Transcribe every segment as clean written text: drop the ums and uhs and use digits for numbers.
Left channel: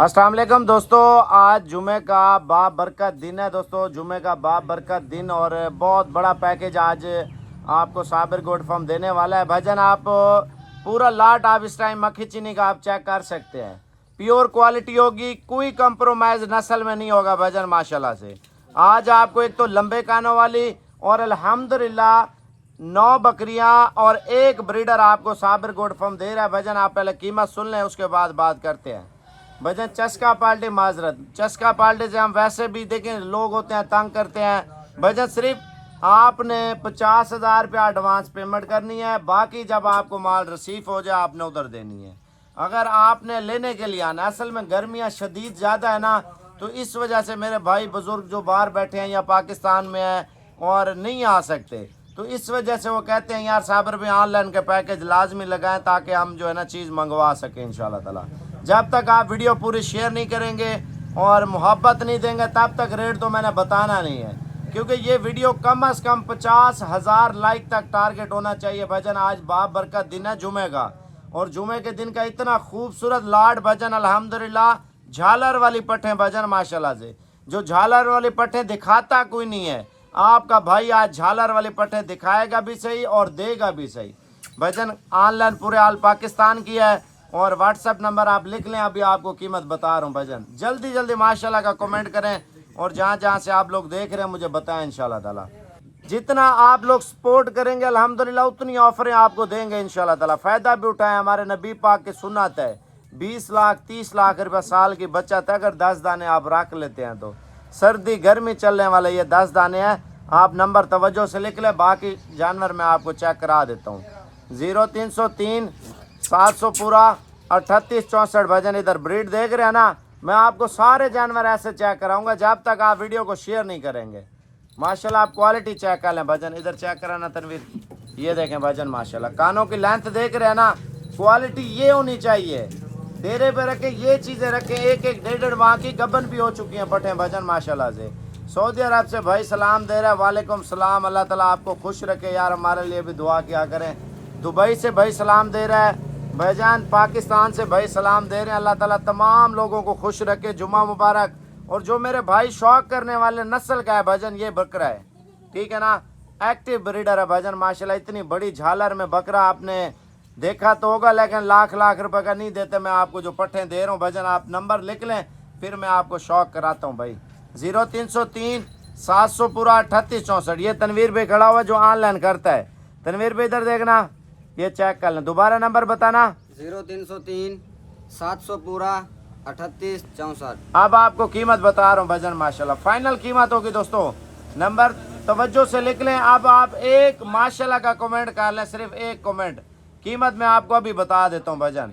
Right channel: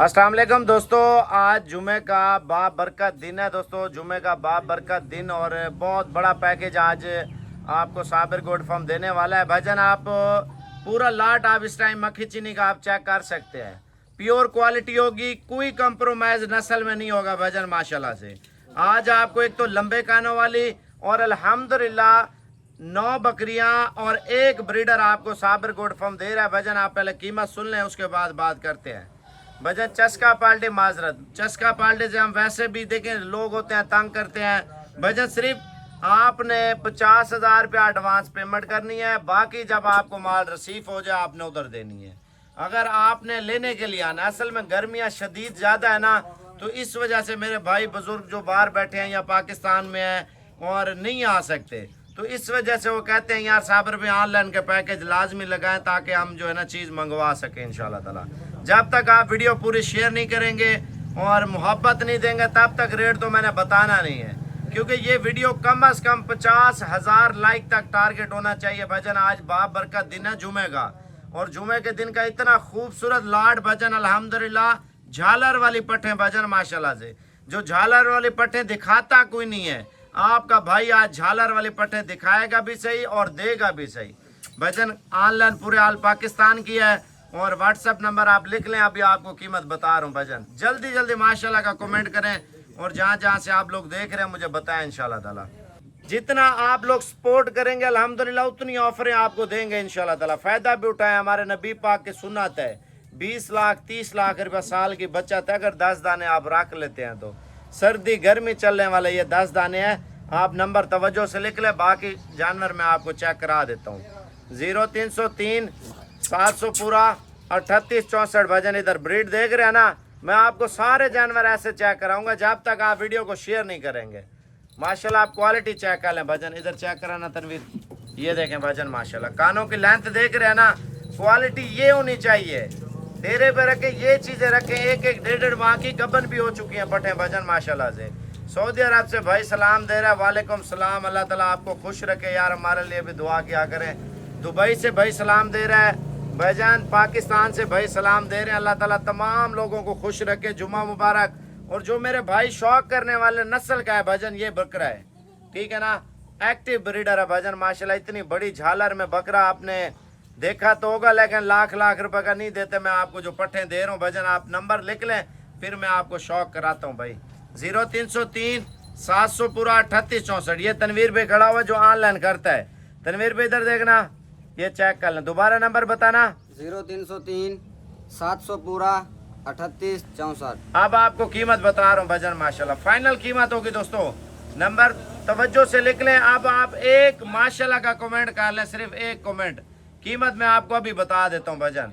अस्सलाम वालेकुम दोस्तों, आज जुमे का बाबरकत दिन है दोस्तों। जुमे का बाबरकत दिन और बहुत बड़ा पैकेज आज आपको साबिर गोट फार्म देने वाला है भाईजान। आप पूरा लाट आप इस टाइम मक्खी चीनी का आप चेक कर सकते हैं। प्योर क्वालिटी होगी, कोई कंप्रोमाइज नस्ल में नहीं होगा भाईजान माशाल्लाह से। आज आपको एक तो लंबे कानों वाली और अल्हम्दुलिल्लाह 9 बकरियां और एक ब्रीडर आपको साबिर गोट फार्म दे रहा है भाईजान। आप पहले कीमत सुन लें, उसके बाद बात करते हैं भजन। चस्का पार्टी माजरत, चस्का पार्टी से हम वैसे भी देखें लोग होते हैं तंग करते हैं भजन। सिर्फ आपने 50,000 रुपया एडवांस पेमेंट करनी है, बाकी जब आपको माल रिसीव हो जाए आपने उधर देनी है। अगर आपने लेने के लिए आना, असल में गर्मियाँ शदीद ज़्यादा है ना, तो इस वजह से मेरे भाई बुजुर्ग जो बाहर बैठे हैं या पाकिस्तान में हैं और नहीं आ सकते, तो इस वजह से वो कहते हैं यार साबिर भाई ऑनलाइन के पैकेज लाजमी लगाएं ताकि हम जो है ना चीज़ मंगवा सकें इंशाल्लाह ताला। जब तक आप वीडियो पूरी शेयर नहीं करेंगे और मोहब्बत नहीं देंगे तब तक रेट तो मैंने बताना नहीं है, क्योंकि ये वीडियो कम से कम 50,000 लाइक तक टारगेट होना चाहिए भजन। आज बाब बरकत दिन है जुमे का, और जुमे के दिन का इतना खूबसूरत लाड भजन अल्हम्दुलिल्लाह। झालर वाली पट्टें भजन माशाल्लाह से, जो झालर वाली पट्टें दिखाता कोई नहीं है, आपका भाई आज झालर वाली पट्टें दिखाएगा भी सही और देगा भी सही भजन। ऑनलाइन पूरे आल पाकिस्तान की है और व्हाट्सएप नंबर आप लिख लें, अभी आपको कीमत बता रहा हूँ भजन। जल्दी जल्दी माशाल्लाह का कमेंट करें और जहाँ जहाँ से आप लोग देख रहे हैं मुझे बताएं इंशाल्लाह ताला। जितना आप लोग सपोर्ट करेंगे अल्हम्दुलिल्लाह उतनी ऑफरें आपको देंगे इंशाल्लाह ताला। फ़ायदा भी उठाएं, हमारे नबी पाक की सुन्नत है 20 लाख 30 लाख रुपया साल की बचत है। अगर 10 दाने आप रख लेते हैं तो सर्दी गर्मी चलने वाले ये 10 दाने हैं। आप नंबर तवज्जो से लिख लें, बाकी जानवर मैं आपको चेक करा देता हूँ। 0303 700 पूरा 3864 भजन। इधर ब्रीड देख रहे हैं ना, मैं आपको सारे जानवर ऐसे चेक कराऊंगा जब तक आप वीडियो को शेयर नहीं करेंगे। माशाल्लाह आप क्वालिटी चेक कर लें भजन। इधर चेक कराना तनवीर, ये देखें भजन माशाल्लाह। कानों की लेंथ देख रहे हैं ना, क्वालिटी ये होनी चाहिए। डेरे पे रखे ये चीज़ें रखें, एक एक 1.5 माह की गबन भी हो चुकी हैं पटें भजन माशाल्लाह से। सऊदी अरब से भाई सलाम दे रहा है, वालेकुम सलाम। अल्लाह ताला आपको खुश रखे यार, हमारे लिए भी दुआ किया करें। दुबई से भाई सलाम दे रहा है भाईजान, पाकिस्तान से भाई सलाम दे रहे हैं। अल्लाह ताला तमाम लोगों को खुश रखे, जुम्मा मुबारक। और जो मेरे भाई शौक करने वाले नस्ल का है भजन, ये बकरा है ठीक है ना, एक्टिव ब्रीडर है भजन माशाल्लाह। इतनी बड़ी झालर में बकरा आपने देखा तो होगा, लेकिन लाख लाख रुपए का नहीं देते। मैं आपको जो पट्टे दे रहा हूँ भजन, आप नंबर लिख लें फिर मैं आपको शौक कराता हूँ भाई। 0303 700 पूरा 3864। ये तनवीर भाई खड़ा हुआ जो ऑनलाइन करता है। तनवीर भाई इधर देखना, ये चेक कर लें, दोबारा नंबर बताना। 0303 700 पूरा 3864। अब आपको कीमत बता रहा हूँ भजन माशाल्लाह, फाइनल कीमत होगी दोस्तों। नंबर तवज्जो से लिख लें। अब आप एक माशाल्लाह का कमेंट कर लें, सिर्फ एक कमेंट। कीमत मैं आपको अभी बता देता हूँ भजन।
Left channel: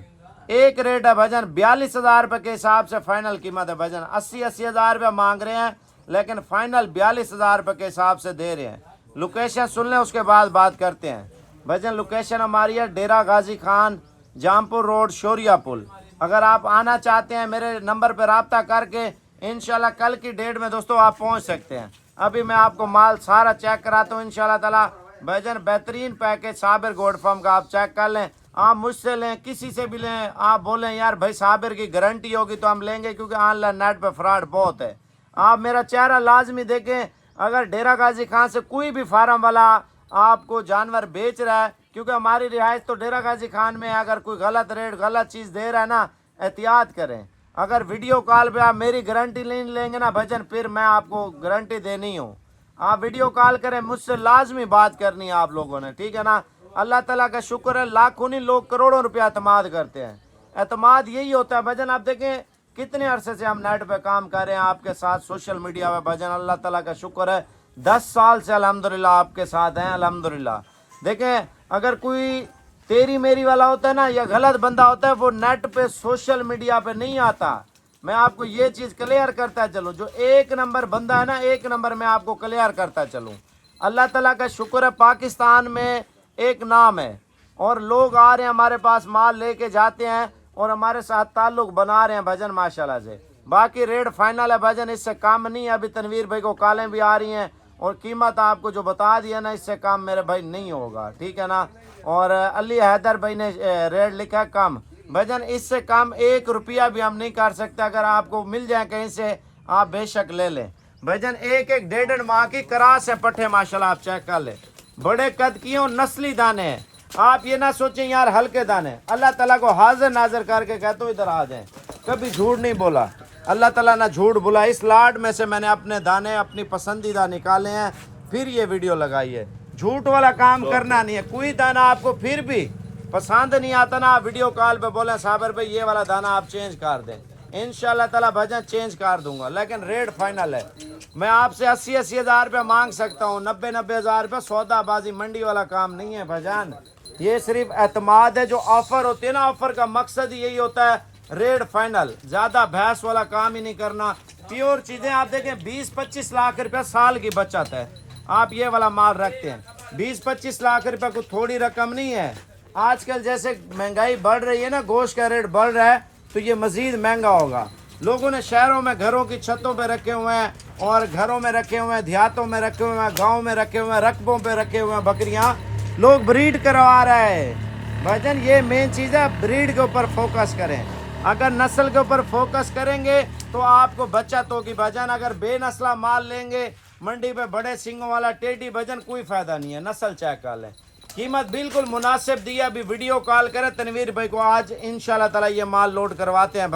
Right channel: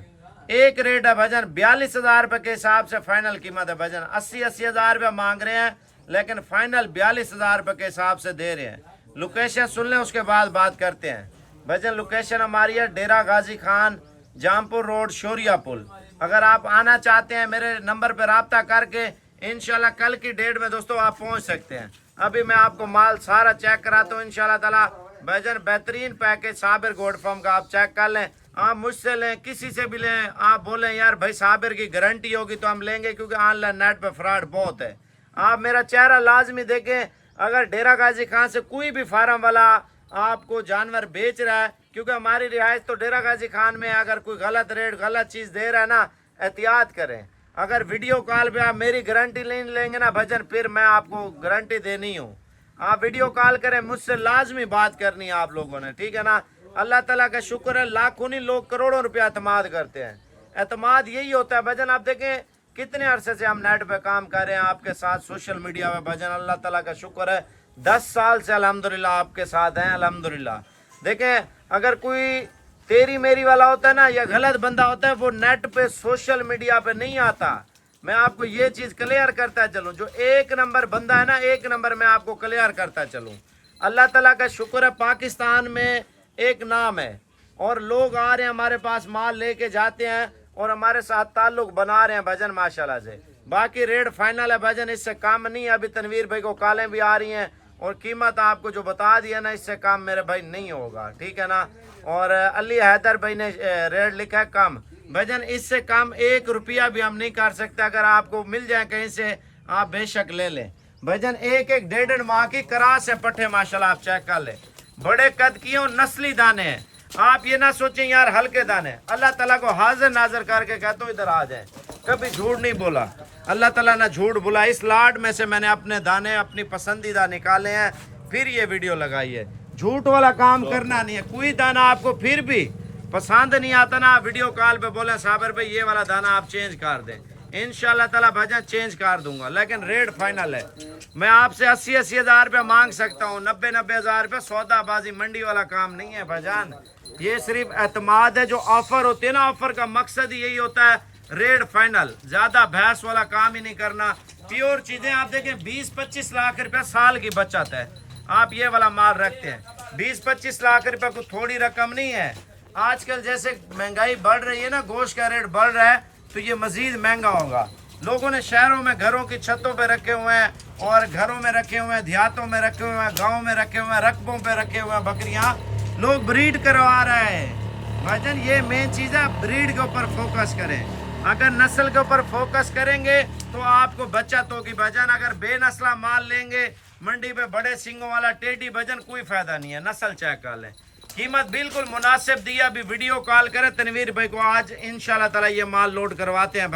एक रेट है भजन 42,000 रुपये के हिसाब से फाइनल कीमत है भजन। 80,000 रुपया मांग रहे हैं, लेकिन फाइनल 42,000 रुपये के हिसाब से दे रहे हैं। लोकेशन सुन लें, उसके बाद बात करते हैं भजन। लोकेशन हमारी है डेरा गाजी खान, जामपुर रोड, शोरिया पुल। अगर आप आना चाहते हैं मेरे नंबर पर रब्ता करके इंशाल्लाह कल की डेट में दोस्तों आप पहुंच सकते हैं। अभी मैं आपको माल सारा चेक कराता हूँ इंशाल्लाह ताला भजन। बेहतरीन पैकेज साबिर गोट फार्म का आप चेक कर लें। आप मुझसे लें, किसी से भी लें, आप बोलें यार भाई साबिर की गारंटी होगी तो हम लेंगे, क्योंकि ऑनलाइन नेट पे फ्रॉड बहुत है। आप मेरा चेहरा लाजमी देखें। अगर डेरा गाजी खान से कोई भी फार्म वाला आपको जानवर बेच रहा है, क्योंकि हमारी रिहाइश तो डेरा गाजी खान में है, अगर कोई गलत रेट गलत चीज़ दे रहा है ना, एहतियात करें। अगर वीडियो कॉल पे आप मेरी गारंटी नहीं लेंगे ना भजन, फिर मैं आपको गारंटी देनी हूँ। आप वीडियो कॉल करें, मुझसे लाजमी बात करनी है आप लोगों ने, ठीक है ना। अल्लाह ताला का शुक्र है, लाखों नहीं लोग करोड़ों रुपया एतमाद करते हैं। एतमाद यही होता है भजन। आप देखें कितने अरसे से हम नेट पे काम कर रहे हैं आपके साथ, सोशल मीडिया पे भजन। अल्लाह ताला का शुक्र है 10 साल से अल्हम्दुलिल्लाह आपके साथ हैं अल्हम्दुलिल्लाह। देखें अगर कोई तेरी मेरी वाला होता है ना, या गलत बंदा होता है, वो नेट पे सोशल मीडिया पे नहीं आता। मैं आपको ये चीज़ क्लियर करता चलूँ, जो एक नंबर बंदा है ना, एक नंबर मैं आपको क्लियर करता चलूँ। अल्लाह ताला का शुक्र है, पाकिस्तान में एक नाम है और लोग आ रहे हैं हमारे पास, माल लेके जाते हैं और हमारे साथ ताल्लुक बना रहे हैं भजन माशाल्लाह से। बाकी रेट फाइनल है भजन, इससे कम नहीं। अभी तनवीर भाई को कॉलें भी आ रही हैं और कीमत आपको जो बता दिया ना, इससे कम मेरे भाई नहीं होगा, ठीक है ना। और अली हैदर भाई ने रेट लिखा है कम, भाईजान इससे कम 1 रुपया भी हम नहीं कर सकते। अगर आपको मिल जाए कहीं से आप बेशक ले लें। भाईजान एक 1.5 माह की करास है पट्ठे, माशाल्लाह आप चेक कर ले, बड़े कद की हो, नस्ली दाने हैं। आप ये ना सोचें यार हल्के दाने, अल्लाह ताला को हाजिर नाजर करके कहता हूँ इधर आ जाए, कभी झूठ नहीं बोला, अल्लाह ताला ना झूठ बोला। इस लाड में से मैंने अपने दाने अपनी पसंदीदा निकाले हैं, फिर ये वीडियो लगाई है। झूठ वाला काम करना नहीं है। कोई दाना आपको फिर भी पसंद नहीं आता ना, वीडियो कॉल पे बोले साबर भाई ये वाला दाना आप चेंज कर दें, इंशाल्लाह ताला भाईजान चेंज कर दूंगा, लेकिन रेट फाइनल है। मैं आपसे 80-80 हज़ार रुपया मांग सकता हूँ, 90-90 हज़ार रुपया, सौदाबाजी मंडी वाला काम नहीं है भाईजान। ये सिर्फ एतमाद है। जो ऑफर होते हैं ना, ऑफर का मकसद ही यही होता है, रेट फाइनल, ज्यादा भैंस वाला काम ही नहीं करना। प्योर चीजें आप देखें 20-25 लाख रुपया साल की बचत है। आप ये वाला माल रखते हैं, 20-25 लाख रुपया को थोड़ी रकम नहीं है। आजकल जैसे महंगाई बढ़ रही है ना, गोश्त का रेट बढ़ रहा है, तो ये मजीद महंगा होगा। लोगों ने शहरों में घरों की छतों पे रखे हुए हैं, और घरों में रखे हुए हैं, देहातों में रखे हुए हैं, गाँव में रखे हुए हैं, रकबों पे रखे हुए हैं बकरियां, लोग ब्रीड करवा रहे हैं। भाईजान ये मेन चीज़ है, ब्रीड के ऊपर फोकस करें। अगर नस्ल के ऊपर फोकस करेंगे तो आपको बचत होगी भाईजान। अगर बेनस्ला माल लेंगे मंडी पे, बड़े सिंगों वाला टेढ़ी, भाईजान कोई फायदा नहीं है। नस्ल चेक कर लें, कीमत बिल्कुल मुनासिब दी है। अभी वीडियो कॉल करें तनवीर भाई को, आज इंशाल्लाह ताला ये माल लोड करवाते हैं।